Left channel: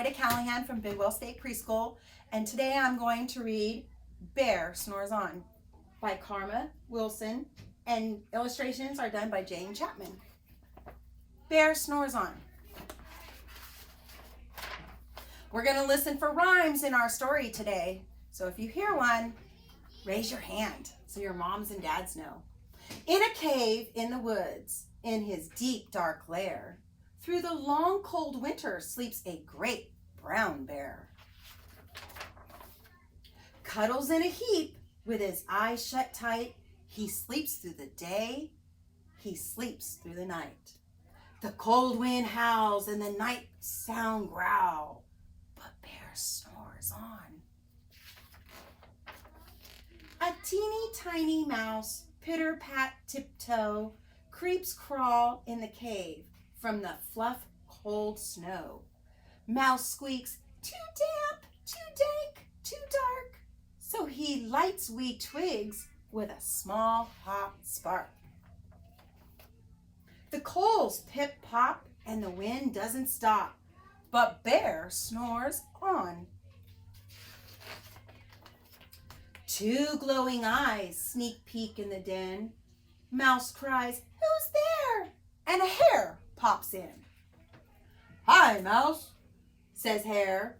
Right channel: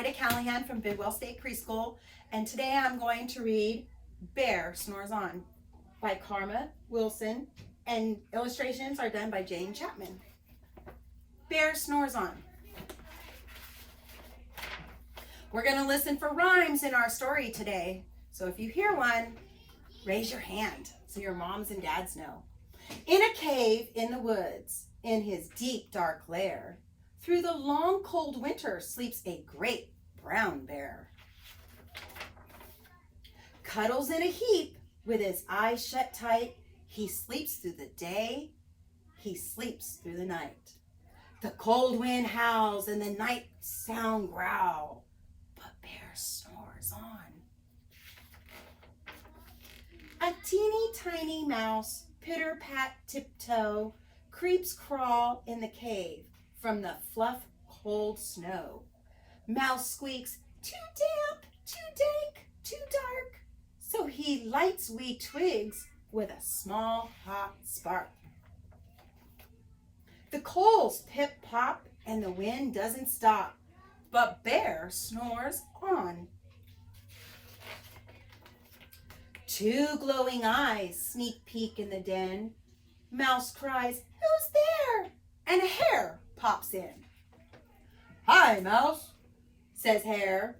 Ida Callahan from Bidwell State Preschool, and today I'm going to read Bear Snores On by Karma Wilson, and illustrations are done by Jane Chapman. Bear Snores On. We're going to listen for rhymes in our story today, so if you hear one, raise your hand so your moms and dads know. In a cave in the woods, in his deep dark lair, through the long cold winter sleeps a great brown bear. Cuddles in a heap with his eyes shut tight. He sleeps through the day, he sleeps through the night. The cold wind howls and the night sound growl, but Bear snores on. A teeny tiny mouse, pitter-pat tiptoe, creeps crawl in the cave from the fluff cold snow. Mouse squeaks, too damp, too dank, too dark, so he lights wee twigs with a small hot spark. The coals pip-pop and the wind doesn't stop, but Bear snores on. Two glowing eyes sneak peek in the den. Mouse cries, "Who's there?" And a hare pops in. "Hi, Mouse," says Hare.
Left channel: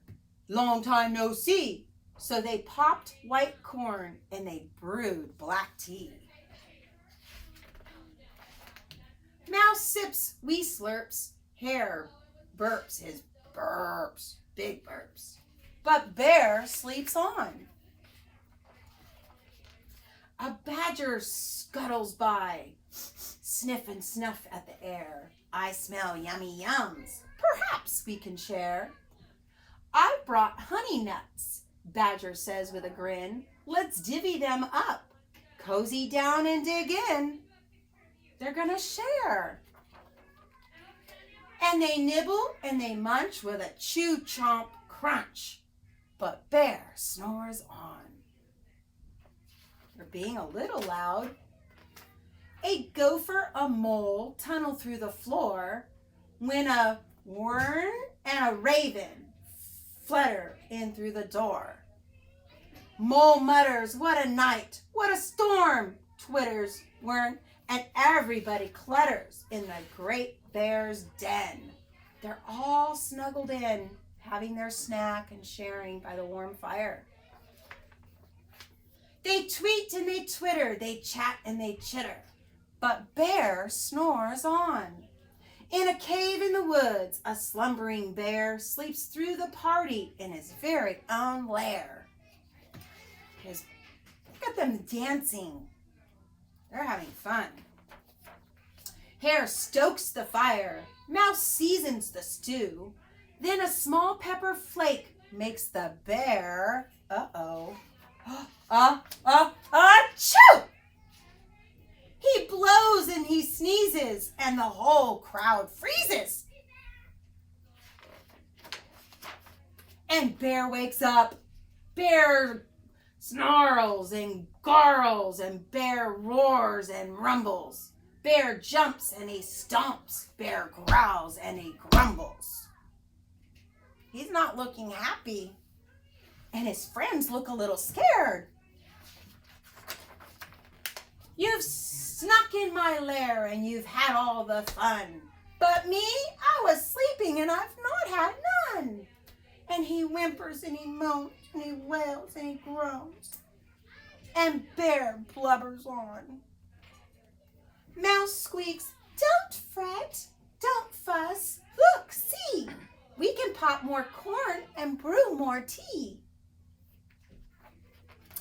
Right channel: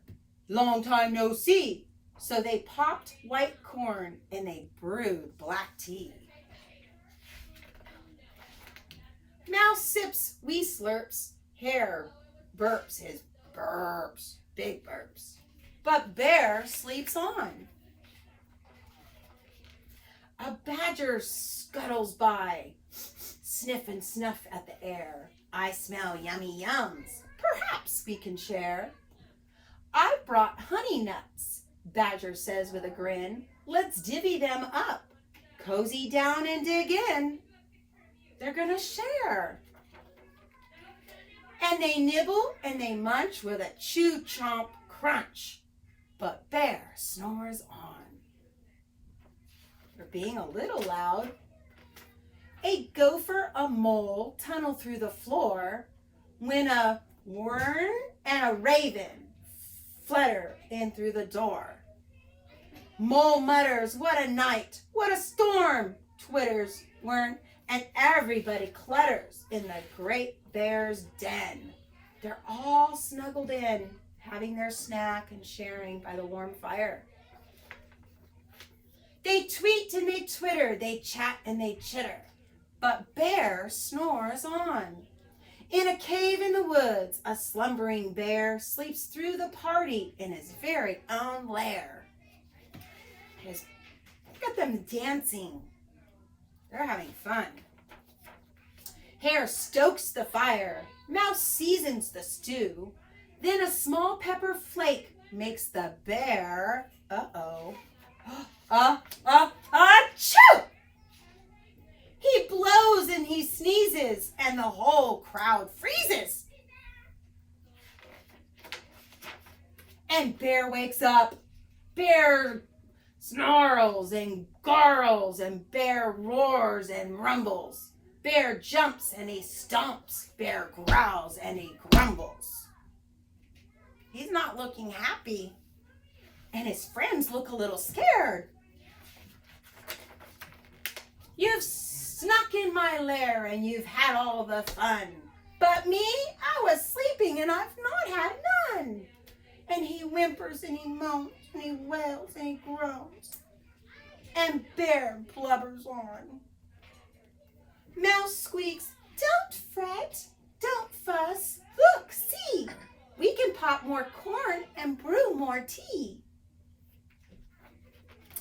"Long time no see." So they popped white corn and they brewed black tea. Mouse sips wee slurps. Hare burps his burps, big burps. But Bear sleeps on. A badger scuttles by, sniff and snuff at the air. "I smell yummy yums, perhaps we can share." "I brought honey nuts," Badger says with a grin. "Let's divvy them up, cozy down and dig in." They're gonna share. And they nibble and they munch with a chew chomp crunch, but Bear snores on. They're being a little loud. A gopher, a mole tunnel through the floor when a wern and a raven flutter in through the door. Mole mutters, "What a night, what a storm," twitters wern, and everybody clutters in the great bear's den. They're all snuggled in, having their snack and sharing by the warm fire. They tweet and they twitter, they chat and they chitter, but Bear snores on. In a cave in the woods, a slumbering bear sleeps through the party in his very own lair. Look at them dancing. They're having fun. Hare stokes the fire. Mouse seasons the stew. Then a small pepper flake makes the bear, achoo! He blows and he sneezes and the whole crowd freezes. And Bear wakes up. Bear snarls and gargles and Bear roars and rumbles. Bear jumps and he stomps. Bear growls and he grumbles. He's not looking happy. And his friends look a little scared. "You've snuck in my lair and you've had all the fun. But me, I was sleeping and I've not had none." And he whimpers and he moans and he wails and he groans. And Bear blubbers on. Mouse squeaks, "Don't fret, don't fuss. Look, see, we can pop more corn and brew more tea."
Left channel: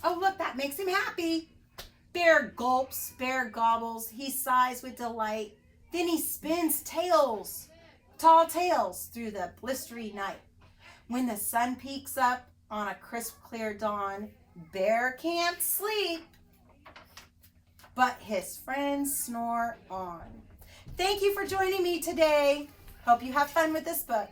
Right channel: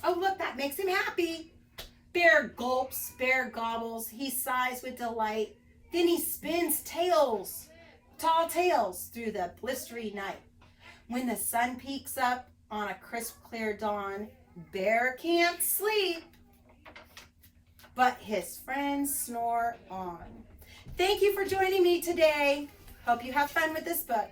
Oh, look, that makes him happy. Bear gulps, Bear gobbles, he sighs with delight. Then he spins tall tales through the blistery night. When the sun peeks up on a crisp, clear dawn, Bear can't sleep, but his friends snore on. Thank you for joining me today. Hope you have fun with this book.